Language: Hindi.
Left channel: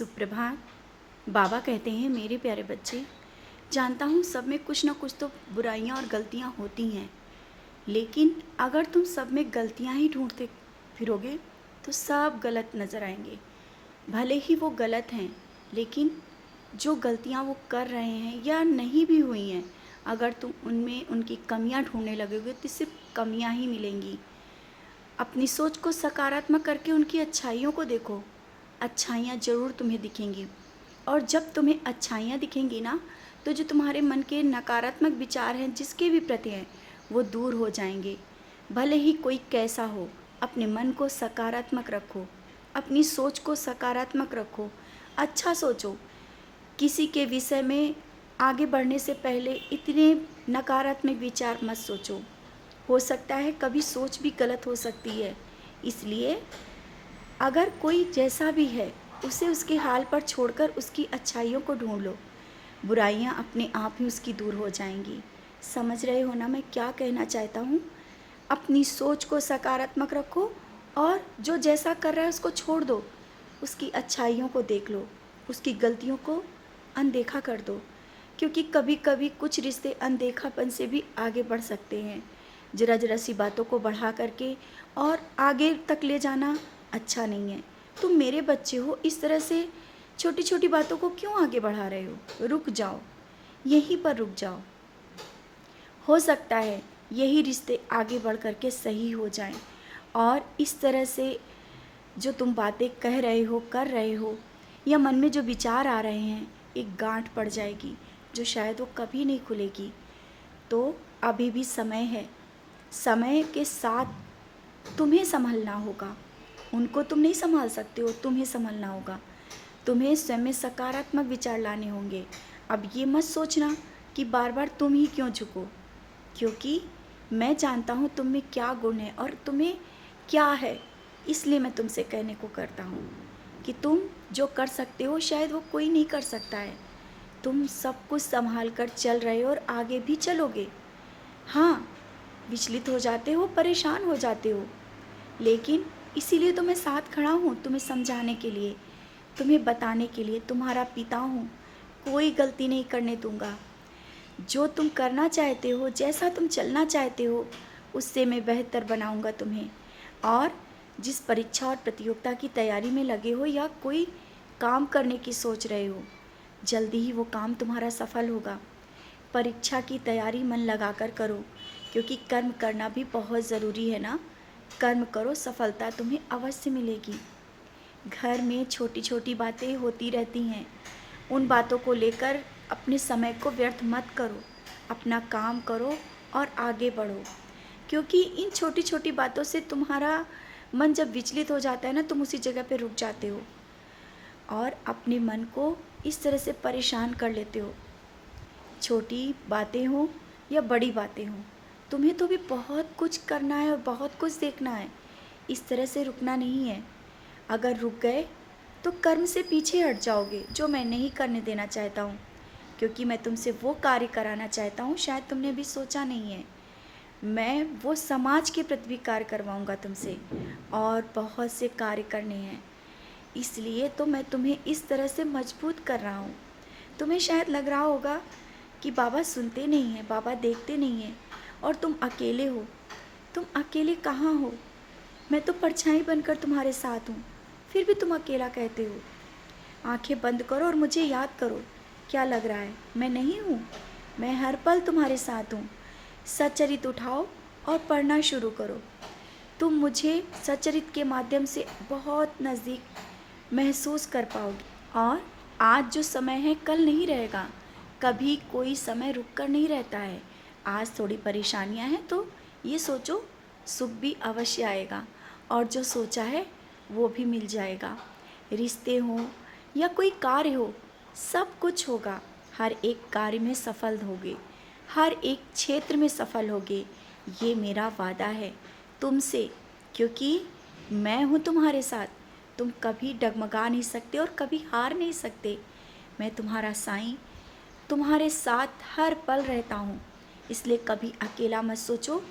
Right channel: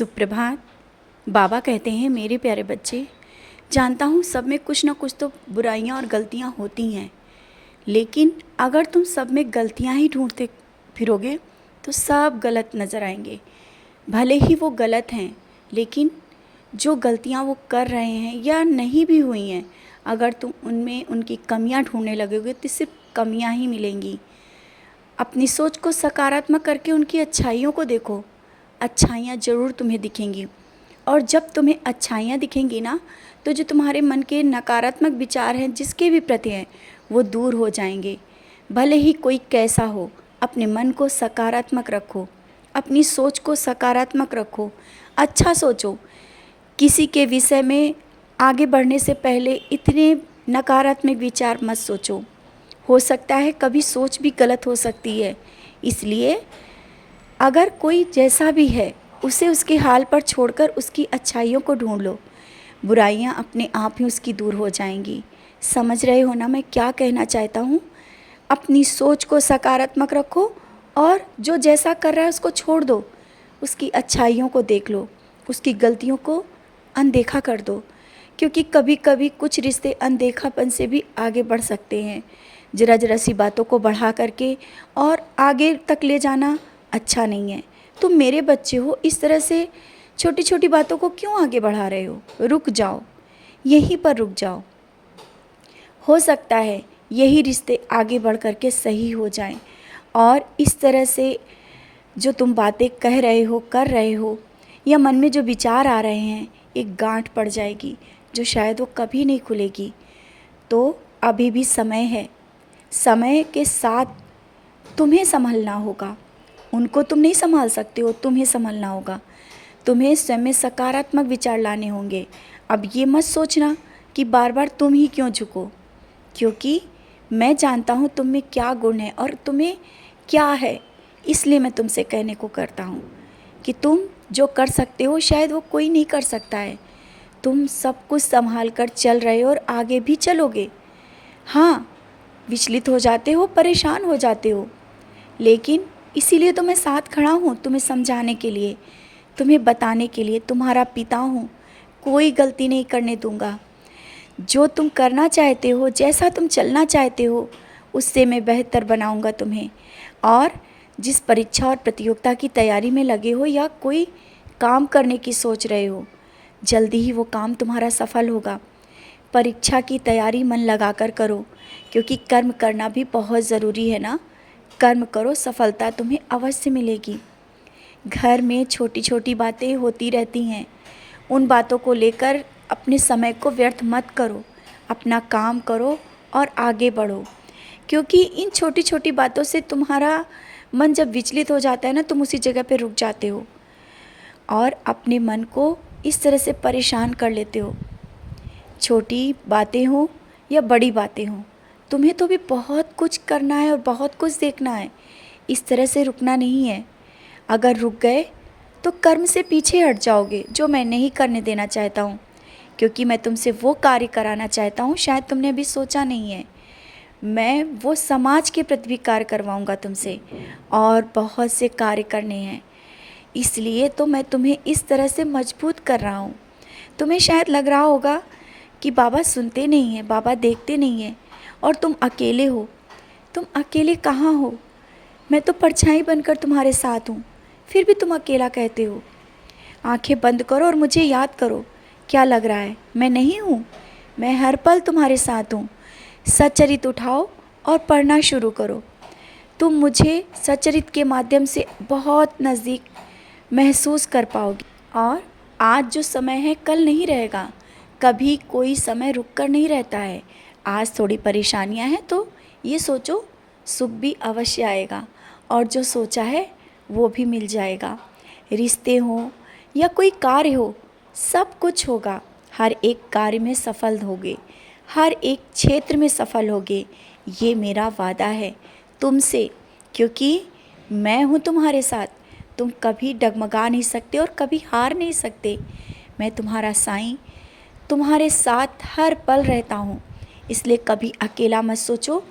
सुप्रभात। बाबा कहते हैं, मेरे प्यारे बच्चे, जानता हूँ सब में कुछ ना कुछ तो बुराइयाँ और गलतियाँ होती हैं, लेकिन अगर तुम सब में गलतियाँ ही ढूंढते फिरोगे तो सब गलत नज़र आएंगे। भले ही वो गलत हैं, लेकिन जो गलतियाँ वो कर रहे हैं या नहीं भी हुई हैं, अगर तुम उनमें उनकी कमियाँ ढूंढने लगोगे तो सिर्फ कमियाँ ही मिलेंगी। अपनी सोच को सकारात्मक करके उनकी अच्छाइयों को देखो। अच्छाइयाँ ज़रूर तुम्हें दिखेंगी, और जब तुम्हें अच्छाइयाँ दिखेंगी ना, तो जो तुम्हारे मन के नकारात्मक विचार हैं जिसके भी प्रति हैं, वो दूर हो जाएंगे। भले ही कोई कैसा हो, अपने मन को सकारात्मक रखो, अपनी सोच को सकारात्मक रखो, अच्छा सोचो। किसी के विषय में आगे बढ़ने से पहले इतने नकारात्मक विचार मत सोचो। हो सकता है कभी सोच भी गलत हो सकती है, इसलिए अगर कोई जैसा भी है उसे उसके हाल पर छोड़कर उसकी अच्छाइयों को ढूंढ लो। बुराइयां अपने आप ही उसकी दूर हो जाएंगी। समझ रहे हो ना मैं क्या कहना चाहता हूँ? अपनी सोच को सकारात्मक रखो, और जो जैसा कर रहा है उसको छोड़ दो। उसकी अच्छाइयों को देख लो, उसकी गलतियों को अनदेखा कर दो, क्योंकि कभी कभी कुछ रिश्ते अनदेखापन से भी आगे बढ़ सकते हैं। ज़रा ज़रा सी बातों को बढ़ा करके और आगे तक ले जाना अच्छा नहीं है। तुम मेरे बच्चे हो, इस तरह से छोटी छोटी बातों को क्यों आगे बढ़ा रहे हो? रुक जाओ, यहीं पर रुक जाओ। हो सकता है यही रिश्ते आगे बढ़ कर के सही हो जाएं, और इस तरह से जो तुम बातें कह रहे हो, कर रहे हो, या मन में जो विचार आ रहे हैं, एक गांठ पड़ जाएगी जो शायद वो कभी नहीं खुलेगी। तो अभी भी समय है। समय के साथ तुम्हें संभलना होगा। उनको तुम नहीं संभाल सकते हो, तुम्हें संभलना होगा। तुम्हें स्वयं में सकारात्मक विचार लाने होंगे। अब ये मत सोचना कि बार बार तुम ही क्यों झुको, क्योंकि मैं जानता हूँ तुम में क्या गुण है और तुम्हें क्या है। इसलिए मैं तुमसे कहने को करता हूँ कि तुम जो कर सकते हो शायद वो कोई नहीं कर सकता है। तुम सब कुछ संभाल कर चल रहे हो और आगे भी चलोगे। हाँ, विचलित हो जाते हो, परेशान हो जाते हो, लेकिन इसीलिए तो मैं साथ खड़ा हूँ, तुम्हें समझाने के लिए, तुम्हें बताने के लिए। तुम्हारा पिता हूँ, कोई गलती नहीं करने दूंगा। जो तुम करना चाहते हो, जैसा तुम चलना चाहते हो, उससे मैं बेहतर बनाऊंगा तुम्हें। और जिस परीक्षा और प्रतियोगिता की तैयारी में लगे हो, या कोई काम करने की सोच रहे हो, जल्दी ही वो काम तुम्हारा सफल होगा। परीक्षा की तैयारी मन लगाकर करो, क्योंकि कर्म करना भी बहुत ज़रूरी है ना। कर्म करो, सफलता तुम्हें अवश्य मिलेगी। घर में छोटी छोटी बातें होती रहती हैं, उन बातों को लेकर अपने समय को व्यर्थ मत करो। अपना काम करो और आगे बढ़ो, क्योंकि इन छोटी छोटी बातों से तुम्हारा मन जब विचलित हो जाता है ना, तुम उसी जगह पे रुक जाते हो और अपने मन को इस तरह से परेशान कर लेते हो। छोटी बातें हो या बड़ी बातें हो, तुम्हें तो भी बहुत कुछ करना है और बहुत कुछ देखना है। इस तरह से रुकना नहीं है। अगर रुक गए तो कर्म से पीछे हट जाओगे, जो मैं नहीं करने देना चाहता हूँ, क्योंकि मैं तुमसे वो कार्य कराना चाहता हूँ शायद तुमने अभी सोचा नहीं है। मैं वो समाज के प्रति भी कार्य करवाऊँगा तुमसे, और बहुत से कार्य करने हैं। इसलिए तो मैं तुम्हें इस तरह से मजबूत कर रहा हूँ। तुम्हें शायद लग रहा होगा कि बाबा सुनते नहीं हैं, बाबा देखते नहीं हैं, और तुम अकेले हो। तुम अकेले कहाँ हो? मैं तो परछाई बनकर तुम्हारे साथ हूँ, फिर भी तुम अकेला कहते हो। आंखें बंद करो और मुझे याद करो। क्या लग रहा है मैं नहीं हूँ? मैं हर पल तुम्हारे साथ हूँ। सच्चरित उठाओ और पढ़ना शुरू करो। तुम मुझे सच्चरित के माध्यम से बहुत नज़दीक महसूस कर पाओगे। और आज जो समय है कल नहीं रहेगा। कभी कोई समय रुक कर नहीं रहता है। आज थोड़ी परेशानियां हैं तो ये सोचो सुख भी अवश्य आएगा, और जो सोचा है वो भी मिल जाएगा। रिश्ते हो या कोई कार्य हो, सब कुछ होगा। हर एक कार्य में सफल होगे, हर एक क्षेत्र में सफल होगे, ये मेरा वादा है तुमसे, क्योंकि मैं हूँ तुम्हारे साथ। तुम कभी डगमगा नहीं सकते और कभी हार नहीं सकते। मैं तुम्हारा साईं तुम्हारे साथ हर पल रहता हूँ, इसलिए कभी अकेला मत सोचो।